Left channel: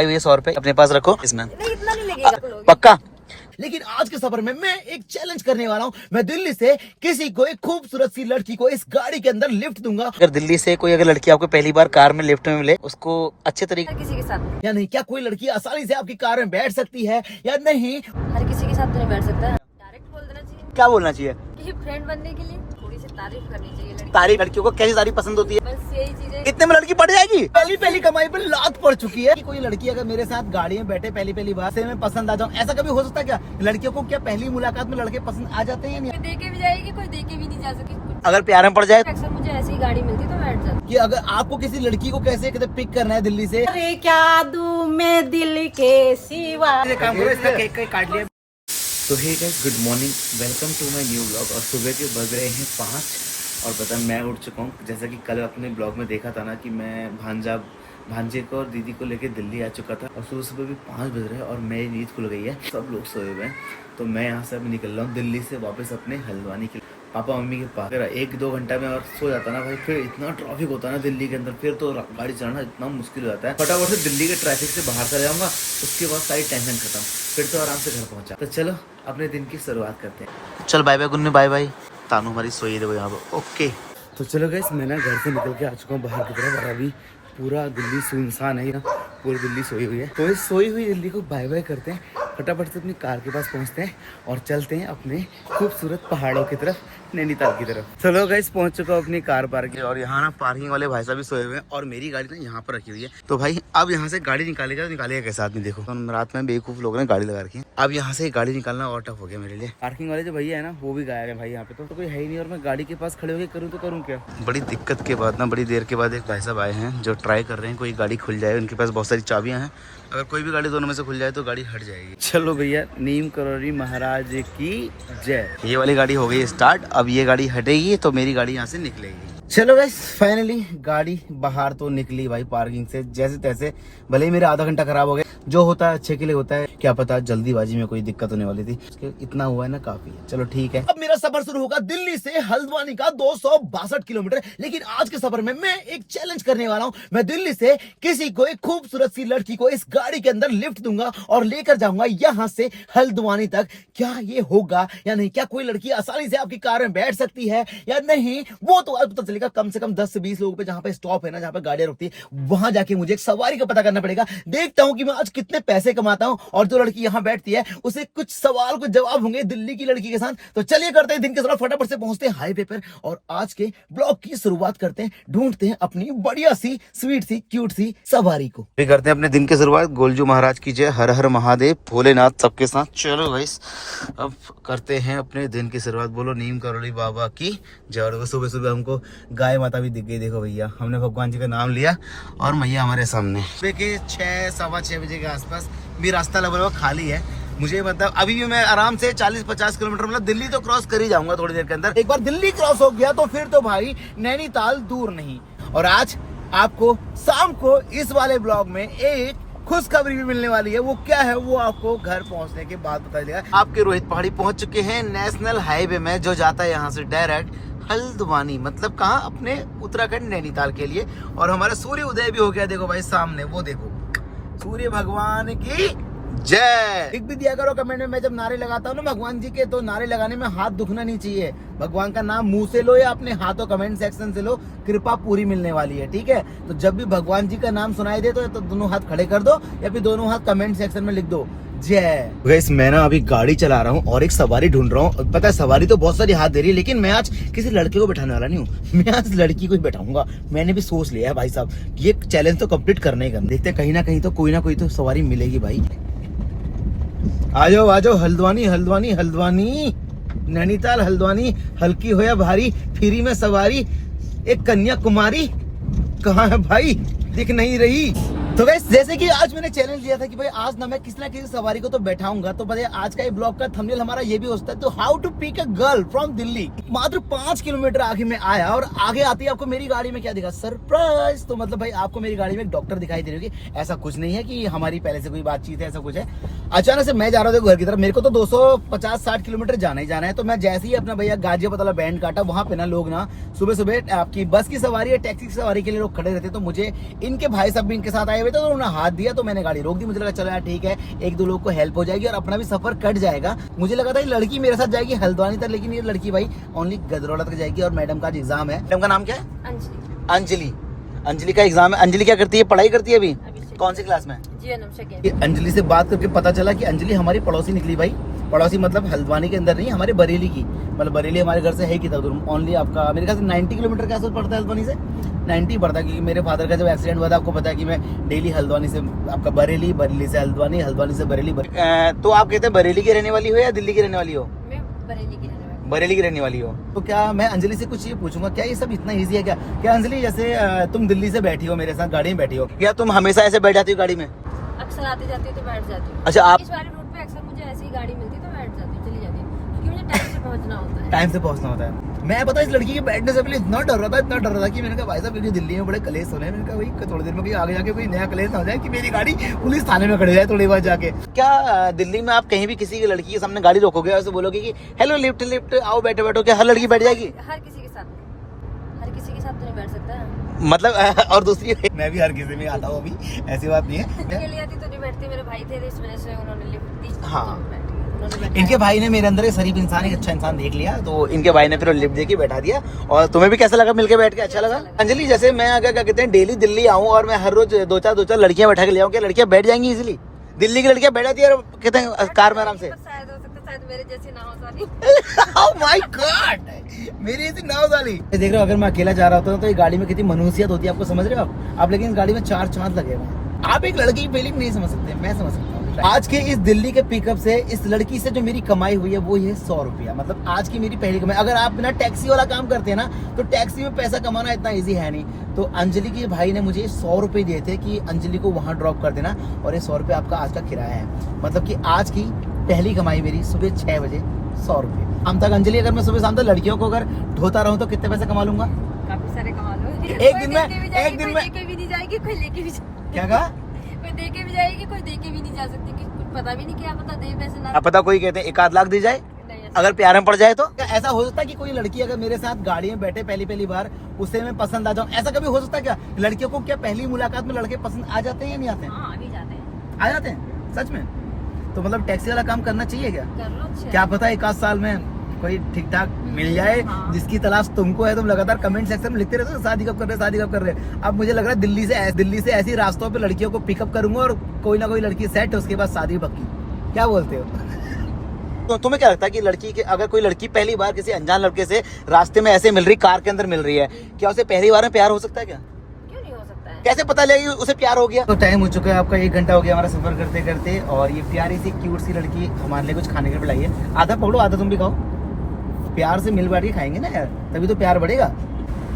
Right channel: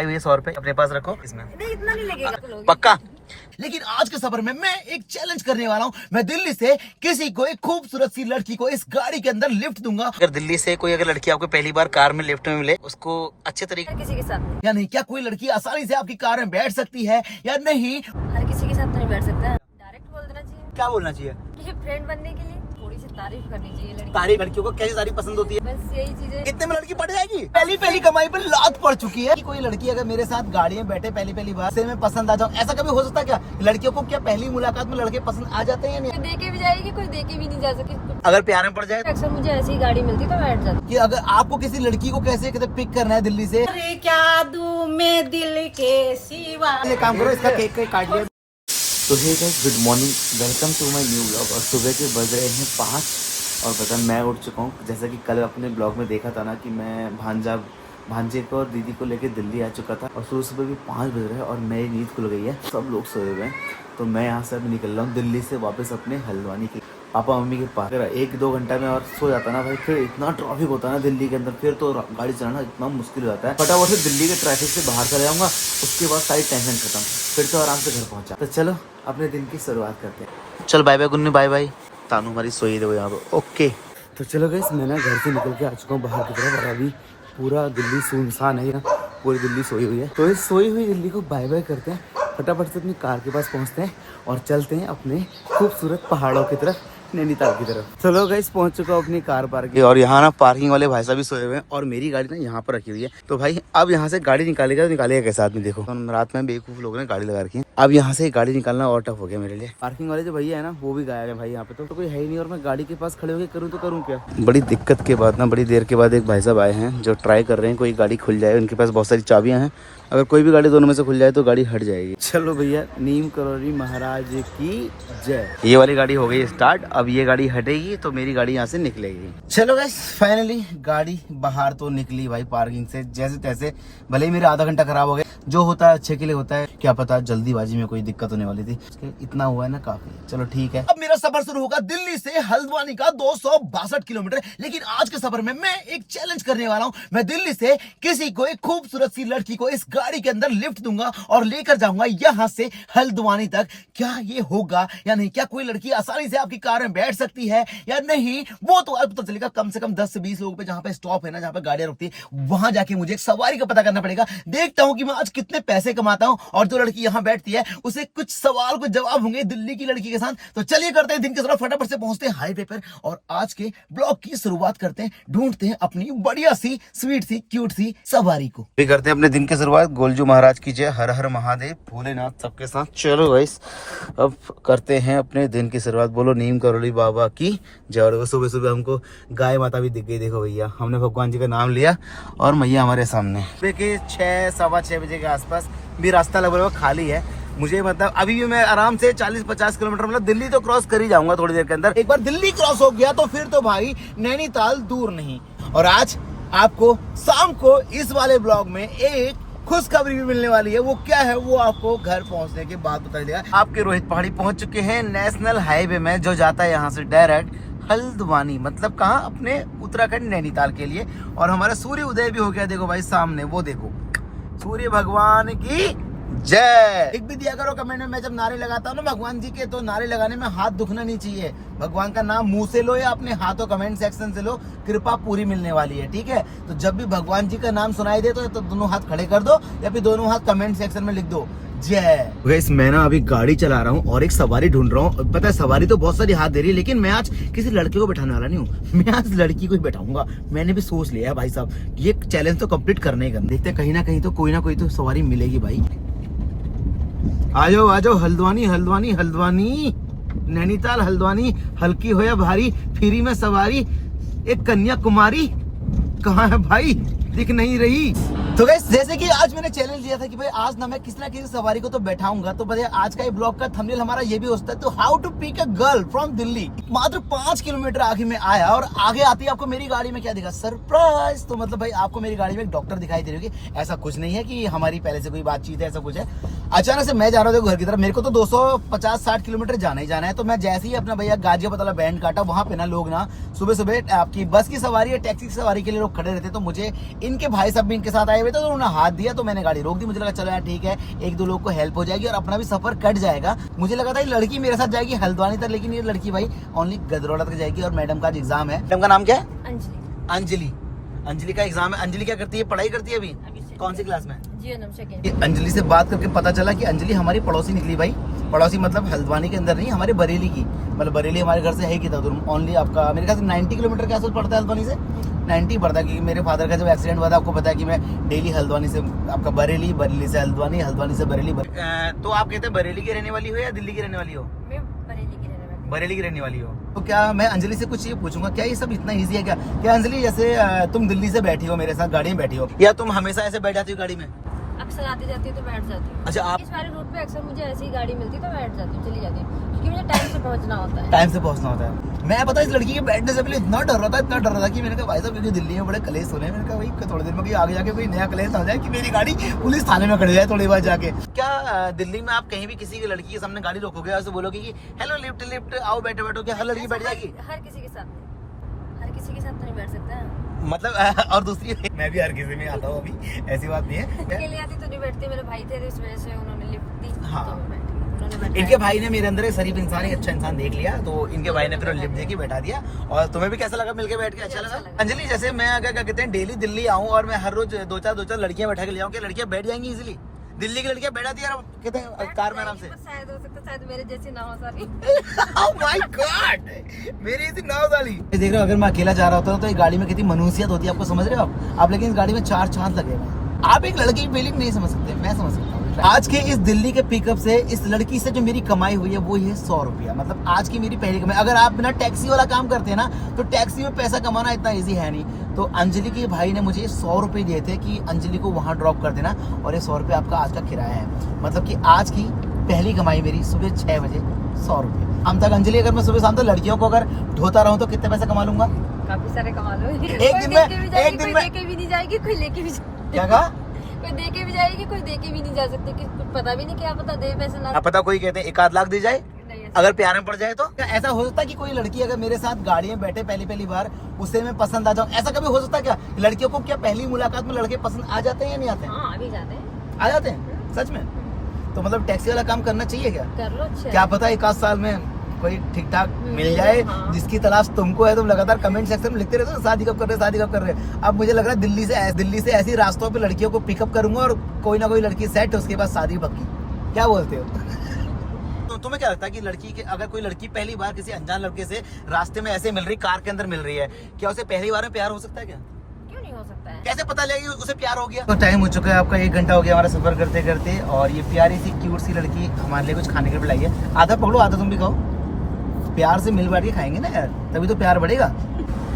भाई 100 रुपए अपने पास रखो, इसमें इतना नहीं लगेगा पक्का। लेकिन आज के सफर में मैं एक चैलेंज करने वाला हूँ। मैं दिल्ली से किसी को एक खूबसूरत सी लड़की को इस गाड़ी के अंदर लिफ्ट दूंगा। अगर दिल्ली से कोई अगर लड़की आपको पहली बार कार में लिफ्ट में मिले, उसको अच्छे तरीके हर किसी के साथ नहीं। या नहीं, क्या कोई लड़की आसानी से आपकी कार में बैठ सकती है या नहीं? हर किसी के साथ तो नहीं बैठ सकता, डायरेक्ट बोल देना चाहिए क्या बोलना चाहिए? कि फ्रेंड बनने के लिए थोड़ी सी तारीफ करनी चाहिए लड़की। तारीफ लड़कियों को कैसी तारीफ पसंद होती है? बस यही चीजें। कितने में लड़की पड़ जाएगी? पहली कमाई पर लात पड़ चुकी है। कोई लड़की अगर मेरे साथ गाड़ी में बैठे पहली बार से मैं पसंद आ जाऊं, ऐसा कभी हो सकता है क्या? लड़कियों को क्या पहली मुलाकात में लड़के पसंद आ जाते हैं या नहीं? कोई देके भी जाएगी, कोई देके भी नहीं जा सके। अगर प्यार में पड़ जाए? अक्सर मुझे ऐसी ही गाड़ी मिलती तो बैठ जाती। कि अगर आपको किसी लड़की को कैसे पिक करना है दिल्ली से, अरे क्या दूं मैं दिल के सिवा। काम करो, इसका केक काट लिया। तो hey guys, good morning, welcome to my new vlog. और सुबह के बज रहे हैं 5 और पता मैं उठ चुका हूँ। जैसा कि कल अपने ब्लॉग में देखा था ना कि मैं भांजे को और दीदी को लेके दिल्ली आ चुका था और सुबह भी 5 बज रहे हैं और मेरी नींद खुल गई है, सब लोग सोए हुए हैं। तो मैं यहाँ से अभी निकल रहा हूँ दिल्ली से वापस अपने हल्द्वानी के पापा मम्मी के पास। अगर 1-2 घंटा में और सो जाता ना भाई, फिर इतना ट्रैफिक होता है ना दिल्ली के अंदर, फिर तो गाड़ी चलाना इतना मुश्किल हो जाता है। फटाफट से दिल्ली के ट्रैफिक से बाहर चले जाऊँगा, उसके बाद सारी टेंशन खत्म, फिर तो आराम से घर पहुँचा। तो चलो अपने दिन की शुरुआत करते हैं। चल bye bye Gunnu, bye bye. Tanu हमारी सोई देखो यहाँ पर। ओके तो चलो गाइस, मैं ना घर से निकल के आ चुका हूँ बाहर की तरफ और अभी पूरा दिल्ली सुनसान है, यहाँ पूरी दिल्ली सोई हुई है। तो इस सोई हुई दिल्ली को बाय बाय करते हैं, फटाफट से अपनी कार के पास पहुँचते हैं और चलते हैं अपने खूबसूरत पहाड़ों की तरफ, नैनीताल की तरफ। चलो गाइस, पहुंच चुका हूँ अपनी कार पार्किंग। और यहाँ ना पार्किंग वाले भाई साहब भी सोए हुए हैं और मेरी गाड़ी ना यहाँ पर रखी हुई है। तो भाई अब यहाँ से गाड़ी निकालेगा तो निकालेगा कैसे आदमी? देखो तो रात में बेवकूफ लोगों ने गाड़ी लगा रखी है। अब यहाँ से गाड़ी निकालना और टफ हो गया मेरे लिए। पार्किंग वाले जो भैया है ना, वो भी गायब है भाई यहाँ पे। तो कोई है ही नहीं और मैं गाड़ी के पास खड़े होकर करूँ तो करूँ क्या? बड़ी दिक्कत के बाद ना, बड़ी देर के बाद एक भाई साहब आए हैं जो ट्राई कर रहे हैं कोई गाड़ी खुल जाए। उनके पास बहुत सारी चाबियां हैं, अगर कोई भी गाड़ी दोनों में से खुल जाए तो गाड़ी हट जाएगी। चलो भैया, नीम करोली महाराज की जय। ये वाली गाड़ी हो गई स्टार्ट, अब ये गाड़ी हटेगी तो मेरी गाड़ी यहाँ से निकलेगी। चलो गाइस, फाइनली गाड़ी बाहर तो निकली भाई पार्किंग से जैसे तैसे। भले ही मेरा आधा घंटा खराब हो गया, जो होता है अच्छे के लिए होता है, क्या पता जल्दीबाजी में कोई दिक्कत होने वाली थी। इतना हुआ है ना, काफी। चलो ठीक है, अब मेरा सफर शुरू होगा दिल्ली से हल्द्वानी का 262 किलोमीटर। लेकिन आज के सफर में मैं एक चैलेंज करने वाला हूँ। मैं दिल्ली से किसी को एक खूबसूरत सी लड़की को इस गाड़ी के अंदर लिफ्ट दूंगा और लेकर जाऊंगा यहाँ से हल्द्वानी तक। क्या ये होगा या नहीं? क्या कोई लड़की आसानी से आपकी कार में बैठ सकती है या नहीं? वो तो अब पता चलेगा। कम से कम 10 से 20 लोगों पे जहां पे स्टॉप है ना, जहां पे गाड़ियां रुकती है, वहां जाके मुझे एक सवारी का पता करना पड़ेगा। देखता हूं कि मैं आज कितने पैसे कमाता हूं और जो लड़की यहां बैठती है उसे कुछ सवाल कुछ जवाब होंगे दिल्ली की लड़की के साथ। तो चलिए करते हैं दिन के शुरुआत, फटाफट से पहुंचते हैं हाईवे पर और आज के ब्लॉग की शुरुआत करते हैं। ढूंढते हैं अपनी बढ़िया सी स्वीट सी क्यूट सी सवारी को। भी करते हैं अपने दिन की शुरुआत। गोलजू महाराज की जय, हर हर महादेव, भोलेनाथ सबके साथ। चलो गाइस, अब करते हैं अपने दिन की शुरुआत। बोलो नीम करोली बाबा की जय। सुबह सुबह हमको गाय माता भी दिख गई। देखो भैया, हमने भगवान जी का नाम लिया और मैया हमारे सामने। सुबह के 6-6:15 बजे के आसपास भी रास्ता लगभग खाली है। मुझे मतलब अभी भी मैं आराम से 40-50 किलोमीटर मतलब दिल्ली तो क्रॉस कर ही जाऊंगा थोड़ी देर के अंदर। एक बार दिल्ली क्रॉस हो गया तो फिर तो भाई नैनीताल दूर नहीं। और आज आपको शाम को इस वाले ब्लॉग में एक खुशखबरी भी मिलने वाली है। वो क्या है वो आपको घर पहुंचने के बाद पता चलेगा। आपके रोहित पहाड़ी पहुंच चुके हैं नेशनल हाईवे में, जो जाता है यहाँ से डायरेक्ट हल्द्वानी, मतलब कहाँ? अपने उत्तराखंड नैनीताल के लिए। और हमारा सूर्य उदय भी हो गया। देखो भाई सामने, वो देखो, सूर्य भगवान की जय। लिख भी दिया करो कमेंट में। मैं जब नारे लगाता हूँ ना भगवान जी के, तो नारे लगाने में हाथ दुखना नहीं चाहिए। भगवान का नाम मुंह से लो या अपने हाथों कमेंट सेक्शन से लो, कृपा पूरी मिलने वाली है, ठीक है? तो जब भी भगवान जी का नाम सुनाई दे तो दोनों हाथ खड़े कर दो या फिर दोनों हाथ कमेंट सेक्शन में लिख दो जय। गाइस, मैं ना अभी गाड़ी चला रहा हूँ और एक सवारी ढूंढ रहा हूँ। पता है सवारी तो बहुत सारी हाथ दे रही है, लेकिन मैं आज किसी लड़के को बैठाने वाला नहीं हूँ। मैं आज लड़की को ही बैठाऊंगा। मैंने भी सोच लिया है भाई साहब, ये चैलेंज तो कंप्लीट करना ही करना। देखते हैं, कहीं ना कहीं तो कोई ना कोई तो सवारी मिलेगी भाई। आ जाओ हल्द्वानी हल्द्वानी हल्द्वानी, नैनीताल हल्द्वानी, हल्की हो या भारी, फ्री में सवारी। एक कन्याकुमारी कहाँ है भाई? दिख नहीं रही। तो गाइस, जैसे कि आज मैंने चैलेंज लिया था कि भाई आज ना मैं किसी ना किसी सवारी को तो बैठाऊंगा, तो बताइए आज का ये ब्लॉग का थंबनेल हमारा ये भी हो सकता है। तो how to pick a girl from Delhi. मात्र 5 किलोमीटर आगे मैं आया और आगे आती है आपको मेरी गाड़ी में क्या दिखा? सरप्राइज। तो मतलब भाई आपको मेरी गाड़ी में एक डॉक्टर दिखाई दे रही होगी। ऐसा कुछ नहीं है कि हमारी पहले से कोई बातचीत है, ऐसा कुछ है। अचानक से मैं जा रहा था घर की तरफ, मेरे को तो 250-60 किलोमीटर जाना ही जाना है। तो मैं जैसे ही अपना भैया गाजियाबाद वाला बैंड काटा, वहां पे ना लोग ना सुबह सुबह आपकी बस की सवारी या टैक्सी की सवारी के लिए लोग खड़े रहते। तो मुझे इनके भाई साहब भी इनके साथ आए हुए थे, तो उन्होंने हाथ दिया, तो मैंने गाड़ी रोक दी। मुझे लगा चलो यार ठीक है, एक दो लोग को हेल्प हो जाएगी और अपना भी सफर कट जाएगा। मुझे लगा था ये लड़की मेरे साथ जाएगी हल्द्वानी तक, लेकिन ये लड़की भाई ओनली गदरौला तक जाएगी। और मैडम का आज एग्जाम है। मैडम का नाम क्या है? अंजलि। अंजलि का एग्जाम है। अंजलि क्या करती है? पढ़ाई करती है अभी? कौन सी क्लास में? अंजलि से बात करके पता चला कि अंजलि हमारी पड़ोसी निकली भाई। पड़ोसी मतलब हल्द्वानी के अंदर नहीं, हमारे बरेली की। मतलब बरेली हमारे घर से है कितना दूर? ओनली आपका मेरे ख्याल से 90 किलोमीटर के आसपास पड़ता है हल्द्वानी से। 90 पड़ता है, क्योंकि मेरे फादर का जब एक्सीडेंट हुआ था, आपको पता है कि मैं डेली हल्द्वानी से आपका बरेली, बरेली से हल्द्वानी, हल्द्वानी से बरेली। तो आप कहते हैं बरेली की रहने वाली हो या दिल्ली की रहने वाली हो? मैं बरेली की रहने वाली। बरेली की रहने वाली हो। तो क्या मैं अंजलि से कुछ ये पूछूंगा, क्या ये सब इतना इजी है क्या? क्या अंजलि, जैसे तुम दिल्ली से बैठी हो मेरे साथ गाड़ी में बैठी हो, या तुम हमेशा ऐसे बैठ जाती हो गाड़ी में? अक्सर आती जाती हूँ तो बैठ जाती हूँ। अच्छा, आप इस वाले रूट पे अक्सर मुझे ऐसी ही गाड़ी मिलती है तो बैठ जाती हूँ, चली जाती हूँ, क्योंकि मुझे टाइम से पहुंचना होता है। टाइम से पहुंचना होता है। मैं पता इस लड़की के बैठने से पहले इतना डर रहा था कि मैंने कहा भाई साहब, क्योंकि दिल्ली में बड़े कलेश हो रहे हैं, मैंने कहा भाई थोड़ी देर में कोई आगे जाके कोई नया कलेश आ जाए कि मेरी गाड़ी पुलिस थाने में खड़ी जाए थोड़ी बार जाके। क्या दिल्ली में आप कहीं भी किसी लड़की के सामने गाड़ी रोकोगे और बोलोगे कि हेलो लिफ्ट लिफ्ट आओ बैठो बैठो, क्या हर लड़की बैठ जाएगी? हर किसी के साथ नहीं, हर किसी के साथ तो नहीं बैठ सकता। मतलब और दूसरी मैं भी हर किसी में आता हूँ, अभी ऐसी बात नहीं है। अकेली आती तो नहीं बैठती, मेरे भाई थे इस वजह से उन्होंने लिफ्ट दी। हाँ। तो बैठी। उन्होंने बैठाया। इनके भाई ने मेरे अंदर एक शरीफ इंसान, एक अच्छा इंसान देख लिया, तो इनके भाई ने फिर लिफ्ट देके बैठा दिया। और तुम्हें भी कैसा लगा मिलके बैठ के? अच्छा लगा। अंजलि, जैसे मैं अगर क्या कहते हैं डेली दिल्ली आऊँ और मैं हर रोज दो चार लड़कियां बैठा के ले आऊँ, क्या लड़कियां बैठ जाएंगी इजिली? दिल्ली की लड़कियां बैठ जाती है कहते हैं कार में आराम से। शायद हो सकता, शायद मेरे जैसी ना हो सारी। Oh my God! मेरी ऐसी नाव वाली। देख रहे हो, अगर मैं अकेला जा रहा होता तो ये गाड़ी में कितनी मनुष्यत होती है, आपको समझ रहे हो आप? लेकिन इस गाड़ी में 4 चांद लगे हुए हैं। आप एक लड़की की फीलिंग नहीं समझ सकते, मैं समझ सकता हूँ। आज के इस दिल्ली के पिकअप से इस लड़की से जो मेरी कमाई हुई है वो ये 100 रुपया। मतलब आज की मेरी पहली कमाई। अगर आप बिना टैक्सी वाला काम करते हैं ना, तो टैक्सी में पैसा कमाना इतना इजी है नहीं। तो अंजलि के भाई ने मुझे 100 रुपए दिए थे कि अंजलि को वहां ड्रॉप कर देना, और ये 100 रुपये आपका आज का किराया है। मतलब कि आज की पहली कमाई मेरी सुबह 6 बजे 100 रुपये। शाम तक अंजलि, अगर मैं सुबह शाम तक लड़कियों को अगर ढोता रहूं तो कितने पैसे कमा लूंगा? काफी सारे कमा लो। एक दिन में लेके भी नहीं जाएगी, कोई लेके भी क्या कहा? कोई देके भी जाएगी, कोई देके भी नहीं जा सकती, कुछ पता भी नहीं, क्या पता दे पैसे ना। अब पता, कोई कहते हैं 1 लाख दी जाए नहीं, अगर प्यार में पड़ जाए तो। ऐसा हो सकता है कि कोई लड़की अगर मेरे साथ गाड़ी में बैठे पहली बार, उससे मैं पसंद आ जाऊं, ऐसा कभी हो सकता है क्या? लड़कियों को क्या पहली मुलाकात में लड़के पसंद आ जाते हैं या नहीं आते हैं? हाँ, अभी जाते हैं। आ जाते हैं सच में? तो मतलब टैक्सी वाला काम करना चाहिए क्या? कर लो, अच्छा। क्या पता 1 आध साल में कोई ठीक ठाक मिल जाए, जिसकी तलाश तुमको है। तुम लगातार कमेंट सेक्शन में लिखते रहते हो शादी कब कर रहे, शादी कब कर रहे। अब मुझे लग रहा है दिल्ली से ऐसी रास्तों पे लड़कियों को पिकअप करूंगा और कोई ना कोई लड़की सेट, उसके बाद शादी पक्की। क्या बोलते हो? तो तुम्हें क्या लगता है कि लड़की के, अगर कोई लड़की पहली बार किसी अनजान लड़के से रास्ते में ऐसे मिल रही, कार के अंदर मिल रही है, क्या उसे पहली बार में प्यार हो सकता है? क्या क्यों नहीं हो सकता है? कैसे पता लगेगा उसे प्यार हो गया? तो टाइम हो चुका है आपका, 1 घंटा हो गया हमारा सफर करते करते, और ये प्यारी सी क्यूट सी लड़की हमारे लिए कुछ खाने के लिए लाई है। आधा पकड़ो, आधा तुम भी खाओ। प्यार से मिल बैठ के खाएंगे ना यार, तभी तो प्यार बढ़ेगा।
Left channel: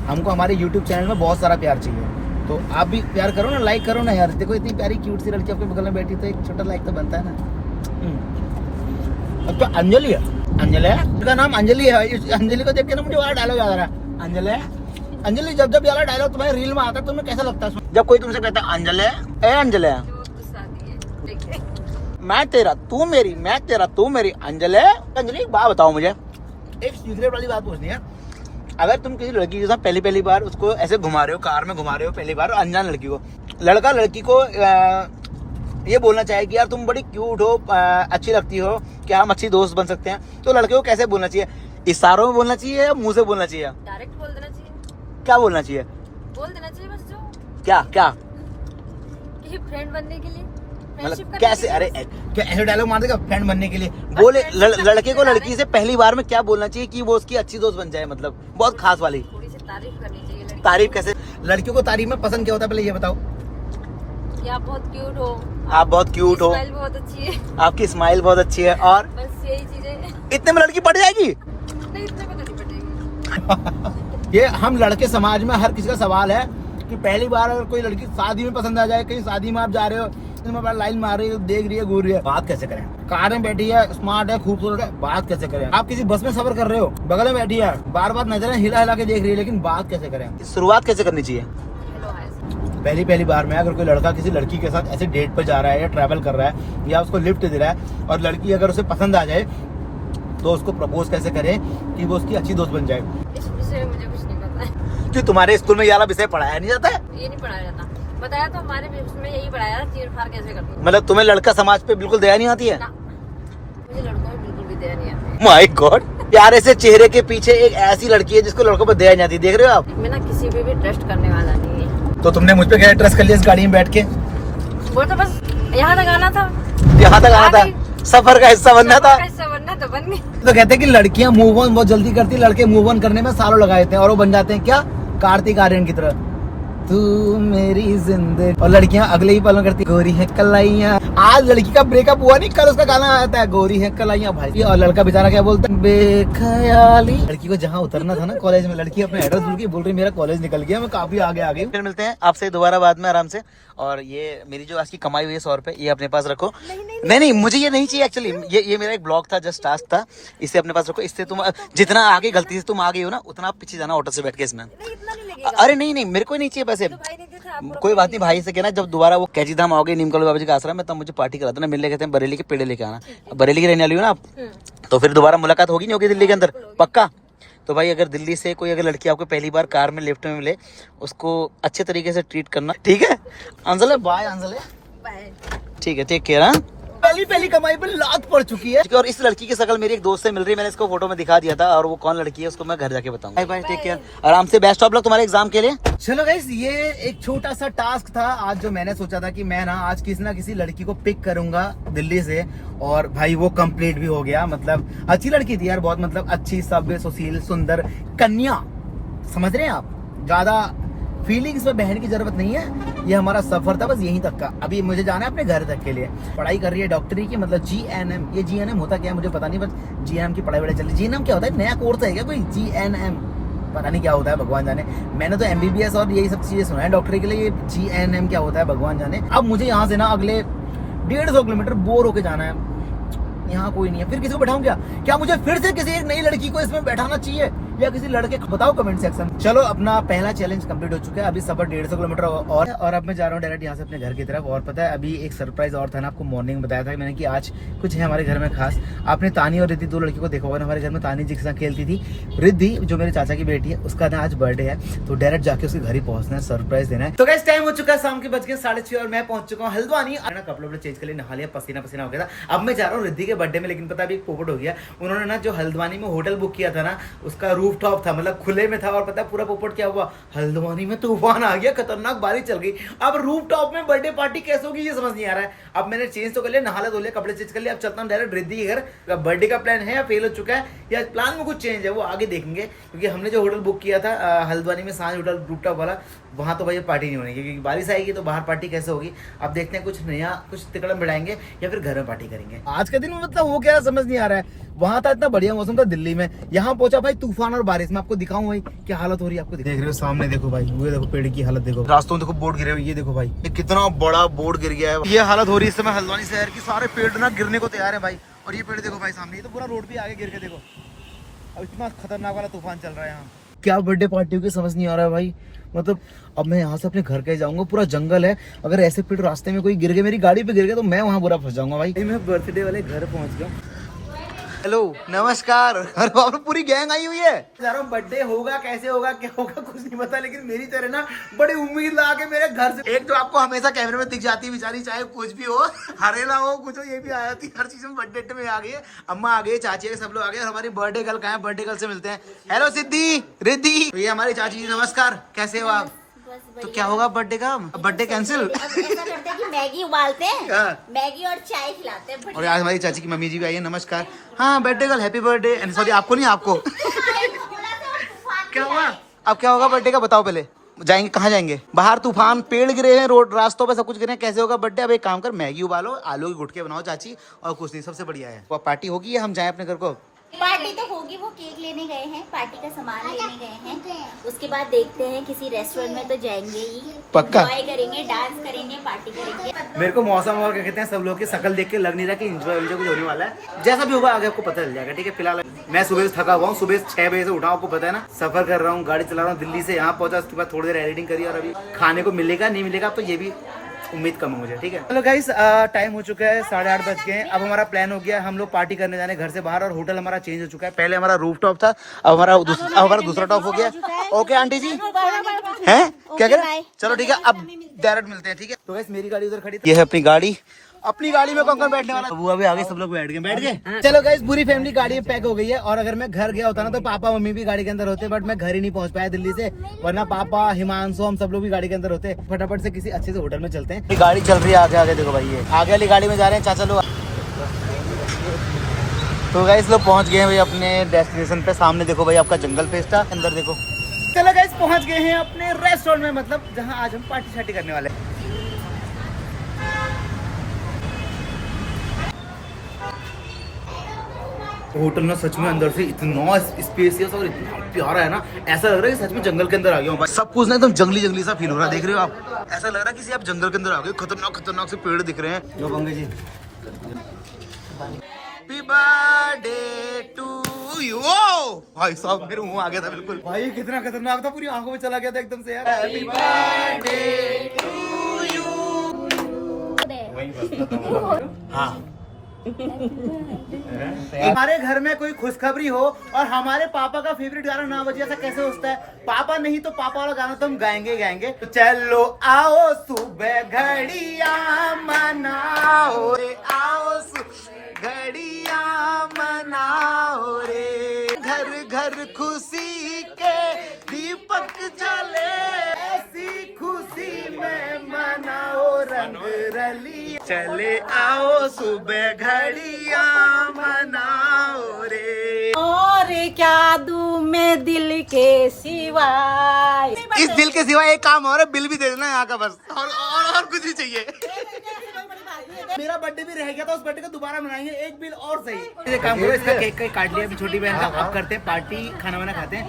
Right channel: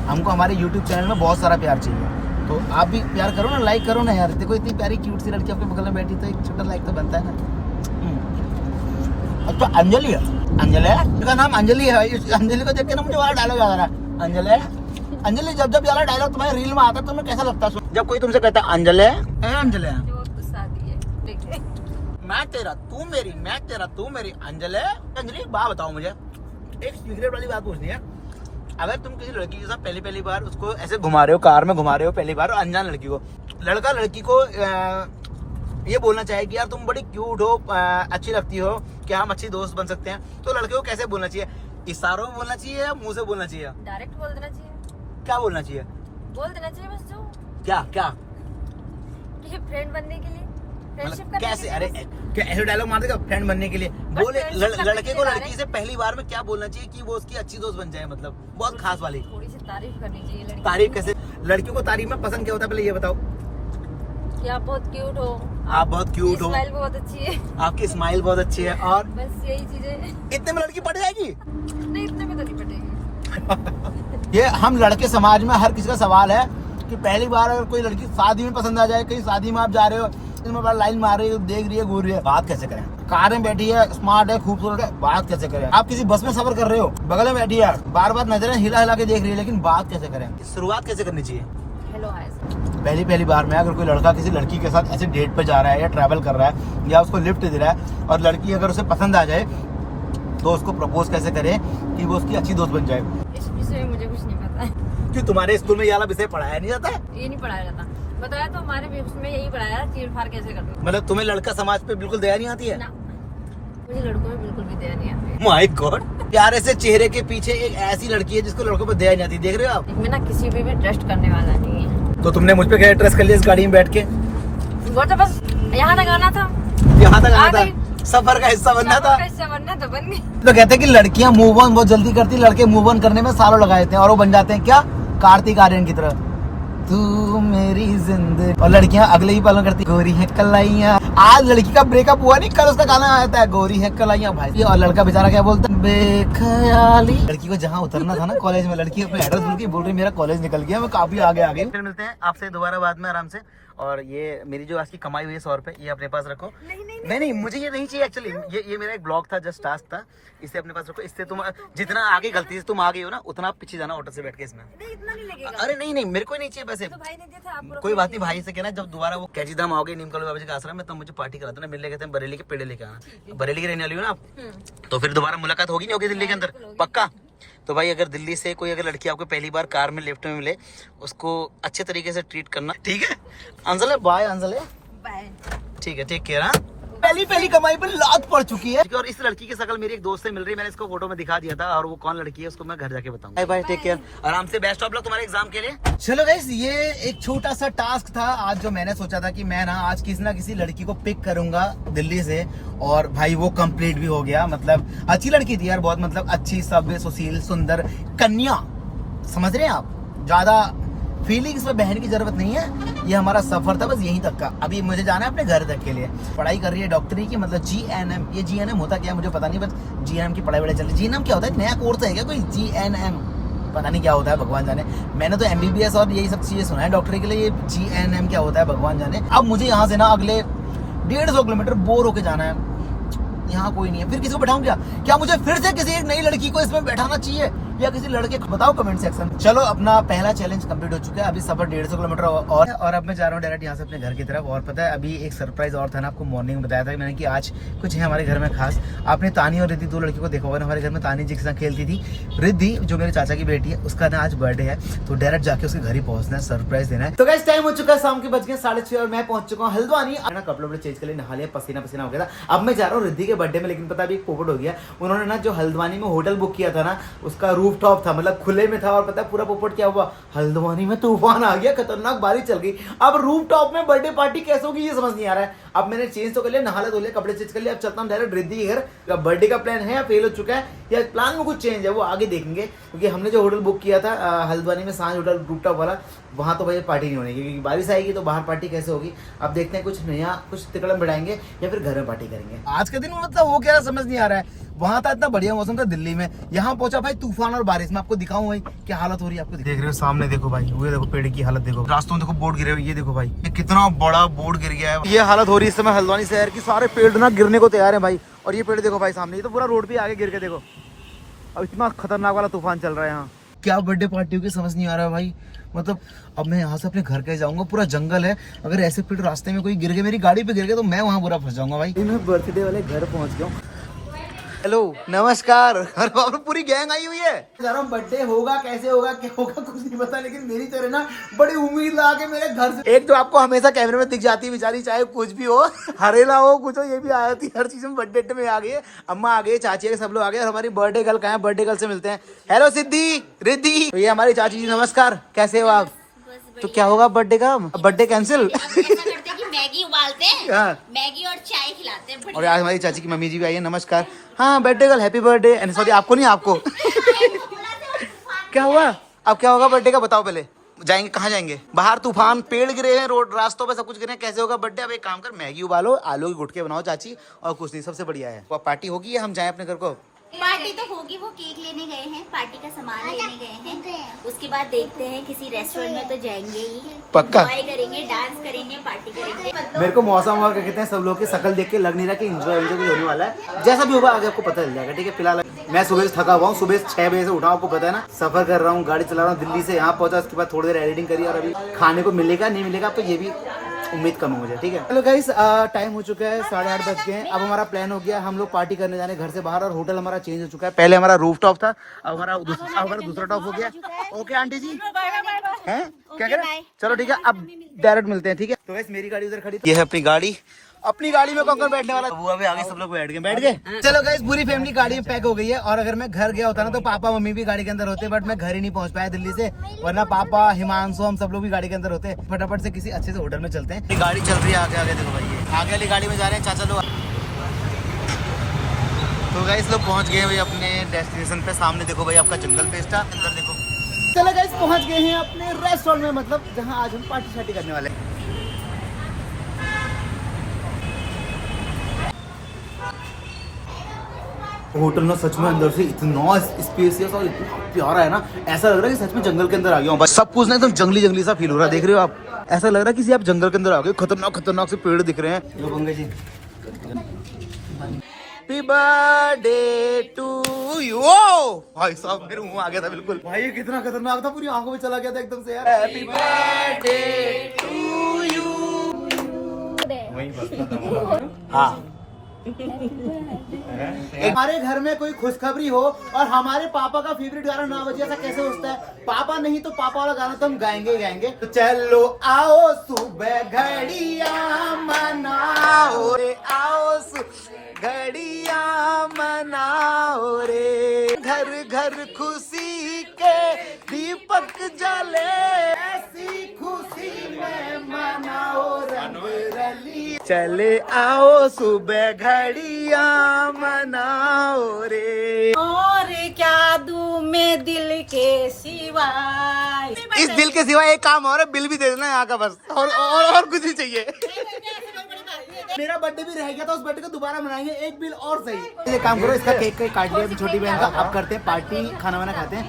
हमको हमारे YouTube चैनल में बहुत सारा प्यार चाहिए, तो आप भी प्यार करो ना, लाइक करो ना यार। देखो इतनी प्यारी क्यूट सी लड़की आपके बगल में बैठी, तो एक छोटा लाइक तो बनता है ना। अब तो अंजलि है, अंजलि का नाम अंजलि है। अंजलि को देख के ना मुझे वाला डायलॉग याद आ रहा है, अंजलि जब वाला डायलॉग तुम्हारे रील में आता है, तुम्हें कैसा लगता है जब कोई तुमसे कहता है अंजलि, ए अंजलि, मैं तेरा तू मेरी, मैं तेरा तू मेरी। अंजलि, एक बात बताओ मुझे, एक सीक्रेट वाली बात पूछनी है। अगर तुम किसी लड़की के साथ पहली बार उसको ऐसे घुमा रहे हो, कार में घुमा रहे हो पहली बार, अनजान लड़की को, लड़का लड़की को ये बोलना चाहे कि यार तुम बड़ी क्यूट हो, अच्छी लगती हो, कि हम अच्छी दोस्त बन सकते हैं, तो लड़के को कैसे बोलना चाहिए? इशारों में बोलना चाहिए या मुंह से बोलना चाहिए? डायरेक्ट बोल देना चाहिए। क्या बोलना चाहिए? बोल देना चाहिए बस, जो क्या ये फ्रेंड बनने के लिए, फ्रेंडशिप मतलब करने कैसे? के लिए अरे बस। क्या ऐसे डायलॉग मार देगा फ्रेंड बनने के लिए? बोले friendship करने लड़के के को लिए लड़की से पहली बार में क्या बोलना चाहिए कि वो उसकी अच्छी दोस्त बन जाए, मतलब बहुत खास वाली? थोड़ी सी तारीफ करनी चाहिए लड़की तारीफ की। कैसे? लड़कियों को तारीफ में पसंद क्या होता है, पहले ये बताओ। कि आप बहुत क्यूट हो, आप बहुत क्यूट हो, स्माइल बहुत अच्छी है, आपकी स्माइल बहुत अच्छी है, और बस यही चीजें। इतने में लड़की पड़ जाएगी? नहीं, इतने में तो नहीं पटेगी। ये हम लड़के समाज में हर किसी का सवाल है कि पहली बार अगर कोई लड़की शादी में पसंद आ जाए, कहीं शादी में आप जा रहे हो, इनमें बड़ा लाइन मार रही है, देख रही है, घूर रही है, बात कैसे करें? कार में बैठी है, स्मार्ट है, खूबसूरत है, बात कैसे करें? आप किसी बस में सफर कर रहे हो, बगल में बैठी है, बार बार नजरें हिला हिला के देख रही है, लेकिन बात कैसे करें? शुरुआत कैसे करनी चाहिए? Hello hi sir. पहली पहली बार में अगर कोई लड़का किसी लड़की के साथ ऐसे डेट पर जा रहा है या ट्रैवल कर रहा है या उसको लिफ्ट दे रहा है और लड़की अगर उसे पसंद आ जाए तो उसको प्रपोज कैसे करे कि वो उसकी अच्छी दोस्त बन जाए। इस विषय में मुझे कुछ नहीं पता है। क्यों तुम्हारे स्कूल में ये वाला विषय पढ़ाया नहीं जाता है? ये नहीं पढ़ाया जाता। बताया तो हमारे भी उसमें यही पढ़ाया चीर फाड़ कैसे करनी। मतलब तुम्हें लड़का समाज पे बिल्कुल दया नहीं आती है? ना, मुझे लड़कों में बिल्कुल भी दया नहीं आती। माय गॉड, प्यारे से चेहरे के पीछे एक ऐसी लड़की है जिसको लड़कों पर दया नहीं आती, देख रहे हो आप? मैं ना किसी पे भी ट्रस्ट करने वाला नहीं है। तो तुमने मुझ पे क्या ट्रस्ट कर लिया इस गाड़ी में बैठ के? वो तो बस यहाँ तक आना था, यहाँ तक आना आ था, गई। सफर का हिस्सा बनना था। हिस्सा बनना तो बन गई। तो कहते हैं कि लड़कियां मूव ऑन बहुत जल्दी करती, लड़के मूव ऑन करने में सालों लगा देते हैं और वो बन जाते हैं क्या, कार्तिक आर्यन की तरह, तू मेरी जिंदगी। और लड़कियां अगले ही पल करती, गोरी है कलाइयां। आज लड़की का ब्रेकअप हुआ नहीं, कल उसका गाना आता है गोरी है कलाइयां भाई। और लड़का बेचारा क्या बोलता है, बेख्याली। लड़की को जहाँ उतरना था ना कॉलेज में, लड़की अपने एड्रेस बोल रही मेरा कॉलेज निकल गया, मैं काफी आगे आ गई। फिर मिलते हैं आपसे दोबारा बाद में आराम से। और ये मेरी जो आज की कमाई हुई है 100 रुपए, ये अपने पास रखो। नहीं, मुझे ये नहीं चाहिए एक्चुअली। ये मेरा एक ब्लॉग था, जस्ट टास्क था, इसे अपने पास रखो। इससे तुम जितना आगे गलती से तुम आ गई हो ना, उतना आप पीछे जाना ऑटो से बैठ के इसमें। इतना नहीं लगेगा। अरे नहीं, मेरे को नहीं चाहिए पैसे। भाई देते थे आपको। कोई बात नहीं, भाई से कहना जब दोबारा वो कैची धाम आओगे नीमकल बाबा जी का आश्रम में, तब मुझे पार्टी करा देना। मिलने कहते हैं बरेली के पेड़े लेके आना। बरेली की रहने वाली हो ना आप, तो फिर दोबारा मुलाकात होगी नहीं होगी दिल्ली के अंदर, पक्का? तो भाई अगर दिल्ली से कोई अगर लड़की आपको पहली बार कार में लिफ्ट में मिले, उसको अच्छे तरीके से ट्रीट करना, ठीक है? अंजले बाय, अंजले बाय। ठीक है, टेक केयर। पहली कमाई पर लात पड़ चुकी है। और इस लड़की की शक्ल मेरी एक दोस्त से मिल रही है, मैंने इसको फोटो में दिखा दिया था, और वो कौन लड़की है उसको मैं घर जाके बताऊंगा। बाय बाय, टेक केयर, आराम से, बेस्ट ऑफ लक तुम्हारे एग्जाम के लिए। चलो गाइस, ये एक छोटा सा टास्क था आज, जो मैंने सोचा था कि मैं ना आज किसी ना किसी लड़की को पिक करूंगा दिल्ली से, और भाई वो कंप्लीट भी हो गया। मतलब अच्छी लड़की थी यार, बहुत मतलब अच्छी, सभ्य, सुशील, सुंदर कन्या, समझ रहे हैं आप? ज्यादा फीलिंग्स में बहन की जरूरत नहीं है। ये हमारा सफर था बस यहीं तक का। अभी मुझे जाना है अपने घर तक के लिए। पढ़ाई कर रही है डॉक्टरी की, मतलब GNM। ये GNM होता क्या है मुझे पता नहीं, बस GNM की पढ़ाई चल रही है। GNM क्या होता है, नया कोर्स है क्या कोई? GNM पता नहीं क्या होता है, भगवान जाने। मैंने तो MBBS और यही सब चीजें सुना है डॉक्टरी के लिए, ये GNM क्या होता है भगवान जाने। अब मुझे यहाँ से ना अगले 150 किलोमीटर बोर होके जाना है। यहाँ कोई नहीं है, फिर किसी को बैठाऊं क्या मुझे फिर से किसी एक नई लड़की को इसमें बैठाना चाहिए या किसी लड़के को? बताओ कमेंट सेक्शन। चलो, अपना पहला चैलेंज कंप्लीट हो चुका है। अभी सफर 150 किलोमीटर और अब मैं जा रहा हूँ डायरेक्ट यहाँ से अपने घर की तरफ। और पता है अभी एक सरप्राइज और था ना, आपको मॉर्निंग में बताया था मैंने कि आज कुछ है हमारे घर में खास। आपने तानी और रिद्धि, दो लड़की को देखा होगा ना हमारे घर में। तानी जी के साथ खेलती थी, रिद्धि जो मेरे चाचा की बेटी है, उसका ना आज बर्थडे है, तो डायरेक्ट जाके उसके घर ही पहुंचना है, सरप्राइज देना है। तो गाइस टाइम हो चुका है, शाम के बज गए 6:30 और मैं पहुंच चुका हूँ हल्द्वानी। कपड़े चेंज कर लिए, नहा लिया, पसीना हो गया था। अब मैं जा रहा हूँ रिद्धि के बर्थडे में, लेकिन पता अभी पोपट हो गया। उन्होंने ना जो हल्द्वानी में होटल बुक किया था ना, उसका रूफ टॉप था, मतलब खुले में था। और पता है पूरा पोपट क्या हुआ, हल्द्वानी में तूफान आ गया, खतरनाक बारिश चल गई। अब रूफ टॉप में बर्थडे पार्टी कैसे होगी ये समझ नहीं आ रहा है। अब मैंने चेंज तो कर लिया, नहा धो लिया, कपड़े चेंज कर लिया। अब चलता हूँ डायरेक्ट रिद्धि के घर। बर्थडे का प्लान है या फेल हो चुका है या प्लान में कुछ चेंज है, वो आगे देखेंगे। क्योंकि हमने जो होटल बुक किया था हल्द्वानी में, सांझ होटल रूफ टॉप वाला, वहां तो भाई पार्टी नहीं होनी, क्योंकि बारिश आएगी तो बाहर पार्टी कैसे होगी। अब देखते हैं, कुछ नया कुछ तिकड़म बढ़ाएंगे या फिर घर में पार्टी करेंगे। आज का दिन मतलब वो क्या समझ नहीं आ रहा है। वहां था इतना बढ़िया मौसम था दिल्ली में, यहाँ पहुंचा भाई तूफान और बारिश में। आपको दिखाऊं भाई क्या हालत हो रही है, आपको देख रहे हो सामने, देखो भाई, वो देखो पेड़ की हालत, देखो रास्तों में देखो बोर्ड गिरे हुए, ये देखो भाई ये कितना बड़ा बोर्ड गिर गया है। ये हालत हो रही है इस समय हल्द्वानी शहर की, सारे पेड़ ना गिरने को तैयार है भाई। और ये पेड़ देखो भाई सामने, ये तो पूरा रोड पे आगे गिर के देखो। अब इतना खतरनाक वाला तूफान चल रहा है यहाँ, क्या बर्थडे पार्टी होगी समझ नहीं आ रहा है भाई। मतलब अब मैं यहाँ से अपने घर के जाऊंगा, पूरा जंगल है, अगर ऐसे पेड़ रास्ते में कोई गिर गए, मेरी गाड़ी पे गिर गए, तो मैं वहाँ बुरा फंस जाऊंगा भाई। मैं बर्थडे वाले घर पहुंच गया हूँ। हेलो, नमस्कार। अरे बाप रे, पूरी गैंग आई हुई है। जा रहा हूँ, बर्थडे होगा, कैसे होगा, क्या होगा कुछ नहीं पता, लेकिन मेरी तरह ना बड़ी उम्मीद लगा के मेरे घर से एक जो आपको हमेशा कैमरे में दिख जाती है बेचारी, चाहे कुछ भी हो, हरेला हो कुछ हो, ये भी आ जाती है हर चीज में। बर्थडे में आ गई है, अम्मा आ गई, चाची है, सब लोग आ गए। और हमारी बर्थडे गर्ल कहाँ है, बर्थडे गर्ल से मिलते हैं। हेलो सिद्धि, रिद्धि, ये हमारी चाची जी, नमस्कार, कैसे हो आप? तो क्या होगा बर्थडे का, बर्थडे कैंसिल? मैगी उबालते हैं, मैगी और चाय खिलाते हैं। और आज हमारी चाची की मम्मी जी भी आई है, नमस्कार। हाँ birthday girl, happy birthday. Sorry आपको नहीं, आपको। क्या हुआ, अब क्या होगा बर्थडे का बताओ पहले। जाएंगे कहाँ जाएंगे, बाहर तूफान, पेड़ गिरे हैं, रोड रास्तों पे सब कुछ गिरे हैं, कैसे होगा बर्थडे? अब एक काम कर, मैगी उबालो, आलू के गुटके बनाओ चाची, और कुछ नहीं, सबसे बढ़िया है। पार्टी होगी या हम जाएं अपने घर को? पार्टी तो होगी, वो केक लेने गए हैं, पार्टी का सामान लेने गए हैं। उसके बाद देखते हैं किसी रेस्टोरेंट में तो जाएंगे ही, पक्का? एंजॉय करेंगे, डांस करेंगे, पार्टी करेंगे। मेरे को मौसम हुआ क्या कहते हैं, सब लोग की शकल देख के लग नहीं रहा कि एंजॉय कुछ होने वाला है। जैसा भी होगा आगे आपको पता चल जाएगा, ठीक है। फिलहाल मैं सुबह से थका हुआ हूँ, सुबह 6 बजे से उठा हूँ, आपको पता है ना। सफर कर रहा हूँ, गाड़ी चला रहा हूँ, दिल्ली से यहाँ पहुंचा, उसके बाद थोड़ी देर एडिटिंग करी और अभी खाने को मिलेगा नहीं मिलेगा तो ये भी उम्मीद कम है मुझे, ठीक है। चलो गाइस, टाइम हो चुका है, 8:30 बज गए हैं। अब हमारा प्लान हो गया, हम लोग पार्टी करने जाने घर से बाहर, और होटल हमारा चेंज हो चुका है। पहले हमारा रूफ टॉप था, अब हमारा दूसरा टॉप हो गया। ओके आंटी जी, हैं क्या करें? चलो ठीक है, अब डायरेक्ट मिलते हैं, ठीक है। तो गाइस मेरी गाड़ी उधर खड़ी, ये है अपनी गाड़ी। अपनी गाड़ी में कौन बैठने वाला? वो अभी आगे सब लोग बैठ गए। चलो गाइस, पूरी फैमिली गाड़ी में पैक हो गई है। और अगर मैं घर गया होता ना तो पापा मम्मी भी गाड़ी के अंदर होते, बट मैं घर ही नहीं पहुंच पाया दिल्ली से, वरना पापा हिमांशु हम सब लोग भी गाड़ी के अंदर होते। फटाफट से किसी अच्छे से होटल में चलते हैं। गाड़ी चल रही है आगे आगे, देखो भाई आगे वाली गाड़ी में जा रहे हैं चाचा लोग। तो गाइस लोग पहुंच गए हैं भाई अपने डेस्टिनेशन पे। सामने देखो भाई आपका जंगल पेस्ट था, अंदर देखो। चलो गाइस पहुंच गए हैं अपने रेस्टोरेंट में, मतलब जहां आज हम पार्टी शार्टी करने वाले हैं। होटल में सच में अंदर से इतना स्पेसियस और इतना प्यारा है ना, ऐसा लग रहा है कि सच में जंगल के अंदर आ गया हूँ। सब कुछ ना एकदम जंगली जंगली सा फील हो रहा है, देख रहे हो आप? ऐसा लग रहा है किसी आप जंगल के अंदर आ गए। खतरनाक खतरनाक से पेड़ दिख रहे हैं। जो गंगे जी, हैप्पी बर्थडे टू यू। भाई साहब मेरे मुंह आ गया था बिल्कुल। भाई कितना खतरनाक था, पूरी आंखों में चला गया था एकदम से यार। Happy birthday to you. हाँ, हमारे घर में कोई खुशखबरी हो और हमारे पापा का फेवरेट गाना ना बजे, ऐसा कैसे होता है? पापा नहीं तो पापा वाला गाना तो हम गाएंगे ही गाएंगे। तो चलो आओ सुबह घड़िया मनाओ रे, आओ घड़िया मनाओ रे, घर घर खुशी के दीपक जले, ऐसी खुशी में मनाओ रंग रली। चले आओ सुबह घड़िया मनाओ रे। और क्या दूं मैं दिल के सिवाय? इस दिल के सिवा एक काम और है, बिल भी दे देना यहाँ का बस, और कुछ नहीं चाहिए। मेरा बर्थडे भी रह गया था, उस बर्थडे को दोबारा मनाएंगे, एक बिल और सही। एक काम करो, इसका केक काट लिया अभी छोटी बहन का, अब करते हैं पार्टी, खाना वाना खाते हैं।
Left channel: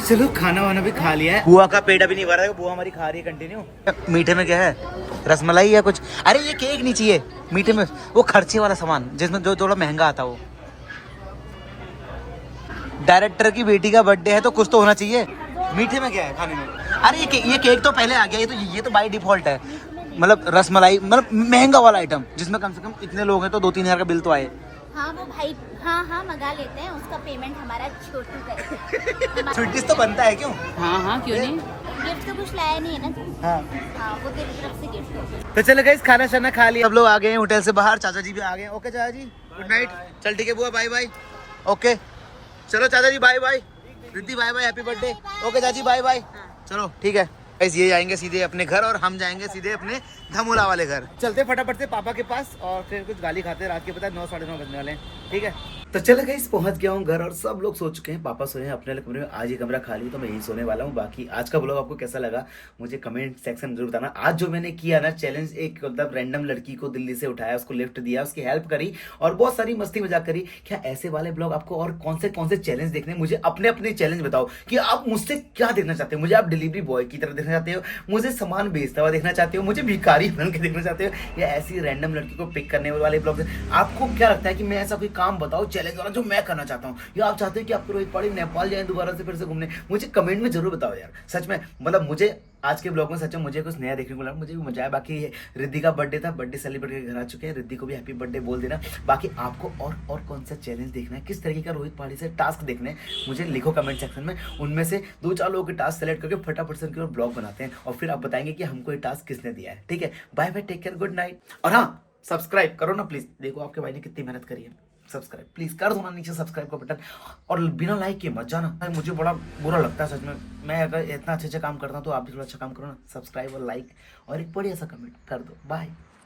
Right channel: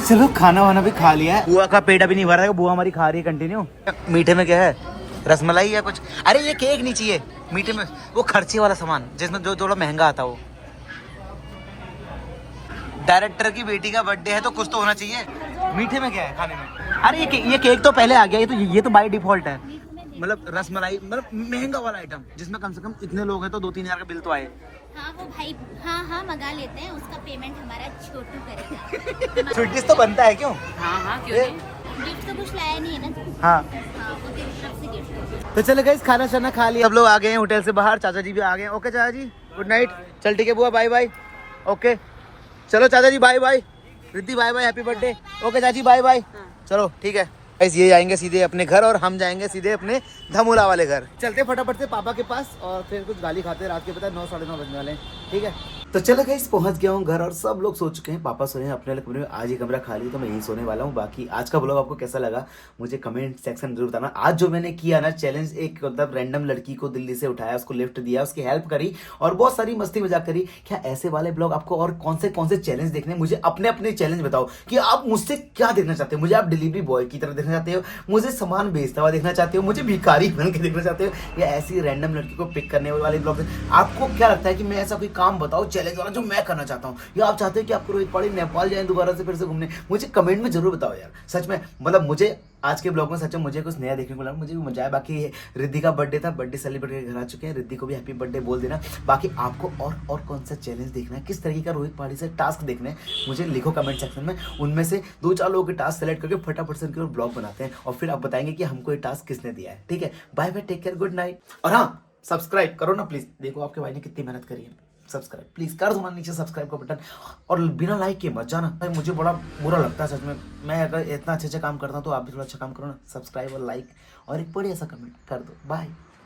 चलो खाना वाना भी खा लिया है, बुआ का पेट अभी नहीं भरा है, बुआ हमारी खा रही है कंटिन्यू। मीठे में क्या है, रसमलाई या कुछ? अरे ये केक नहीं चाहिए मीठे में, वो खर्चे वाला सामान जिसमें जो थोड़ा महंगा आता हो। डायरेक्टर की बेटी का बर्थडे है तो कुछ तो होना चाहिए। मीठे में क्या है खाने में? अरे ये केक तो पहले आ गया, ये तो बाय डिफॉल्ट है। मतलब रसमलाई, मतलब महंगा वाला आइटम जिसमें कम से कम इतने लोग हैं तो 2-3 हजार का बिल तो आए। हाँ वो भाई, हाँ मंगा लेते हैं, उसका पेमेंट हमारा छोटू करेगा। स्वीट तो बनता है क्यों? हाँ क्यों नहीं। गिफ्ट तो कुछ लाया नहीं है ना तू? हाँ वो तेरी तरफ से गिफ्ट। तो चलो गाइस, खाना शाना खा लिया, सब लोग आ गए हैं होटल से बाहर, चाचा जी भी आ गए हैं। ओके चाचा जी, गुड नाइट। चल ठीक है बुआ, बाय बाय। ओके चलो चाचा जी, bye bye. Riddhi bye bye, happy birthday. Okay चाची, बाय बाय। चलो ठीक है गाइस, ये जाएंगे सीधे अपने घर और हम जाएंगे सीधे अपने धमोला वाले घर। चलते फटाफट से पापा के पास और फिर कुछ गाली खाते। रात के पता है 9 साढ़े 9 बजने वाले हैं, ठीक है। तो चलो गाइस, पहुंच गया हूँ घर और सब लोग सो चुके हैं। पापा सोए हैं अपने कमरे में, आज ही कमरा खाली तो मैं यहीं सोने वाला हूँ। बाकी आज का ब्लॉग आपको कैसा लगा मुझे कमेंट सेक्शन में जरूर बताना। आज जो मैंने किया ना चैलेंज, एक मतलब रैंडम लड़की को दिल्ली से उठाया, उसको लिफ्ट दिया, उसकी हेल्प करी और बहुत सारी मस्ती मजाक करी। क्या ऐसे वाले ब्लॉग आपको और कौन से चैलेंज देखने? मुझे अपने अपने चैलेंज बताओ कि आप मुझसे क्या देखना चाहते हो। मुझे आप डिलीवरी बॉय की तरह देखना चाहते हो, मुझे सामान बेचता हुआ देखना चाहते हो, मुझे भिखारी बन के देखना चाहते हो, या ऐसी रैंडम लड़की को पिक करने वाले ब्लॉग? आपको क्या लगता है कि मैं ऐसा कोई काम बताऊं चैलेंज वाला जो मैं करना चाहता हूं, या आप चाहते हैं कि आपको रोहित पौड़ी नेपाल जाए दोबारा से फिर से घूमने? मुझे कमेंट में जरूर बताओ यार। सच में मतलब मुझे आज के ब्लॉग में सच में मुझे कुछ नया देखने को लगा, मुझे भी मजा आया। बाकी रिद्धि का बर्थडे था, बर्थडे सेलिब्रेट करके घर आ चुके हैं। रिद्धि को भी हैप्पी बर्थडे बोल देना। बाकी आपको और कौन सा चैलेंज देखना है, किस तरीके का रोहित पौड़ी से टास्क देखने हैं, मुझे लिखो कमेंट सेक्शन में। उनमें से 2-4 लोगों के टास्क सेलेक्ट करके फटाफट से उनके ब्लॉग बनाते हैं और फिर आप बताएंगे कि हमको ये टास्क किसने दिया है, ठीक है। Bye bye, take care, good night. और हाँ, सब्सक्राइब करो ना प्लीज। देखो आपके भाई ने कितनी मेहनत करी है, सब्सक्राइब प्लीज कर दो ना नीचे सब्सक्राइब का बटन। और बिना लाइक के मत जाना, मुझे बड़ा बुरा लगता है सच में। मैं अगर इतना अच्छे काम करता हूँ तो आप भी थोड़ा अच्छा काम करो ना, सब्सक्राइब और लाइक और एक बढ़िया सा कमेंट कर दो। बाय।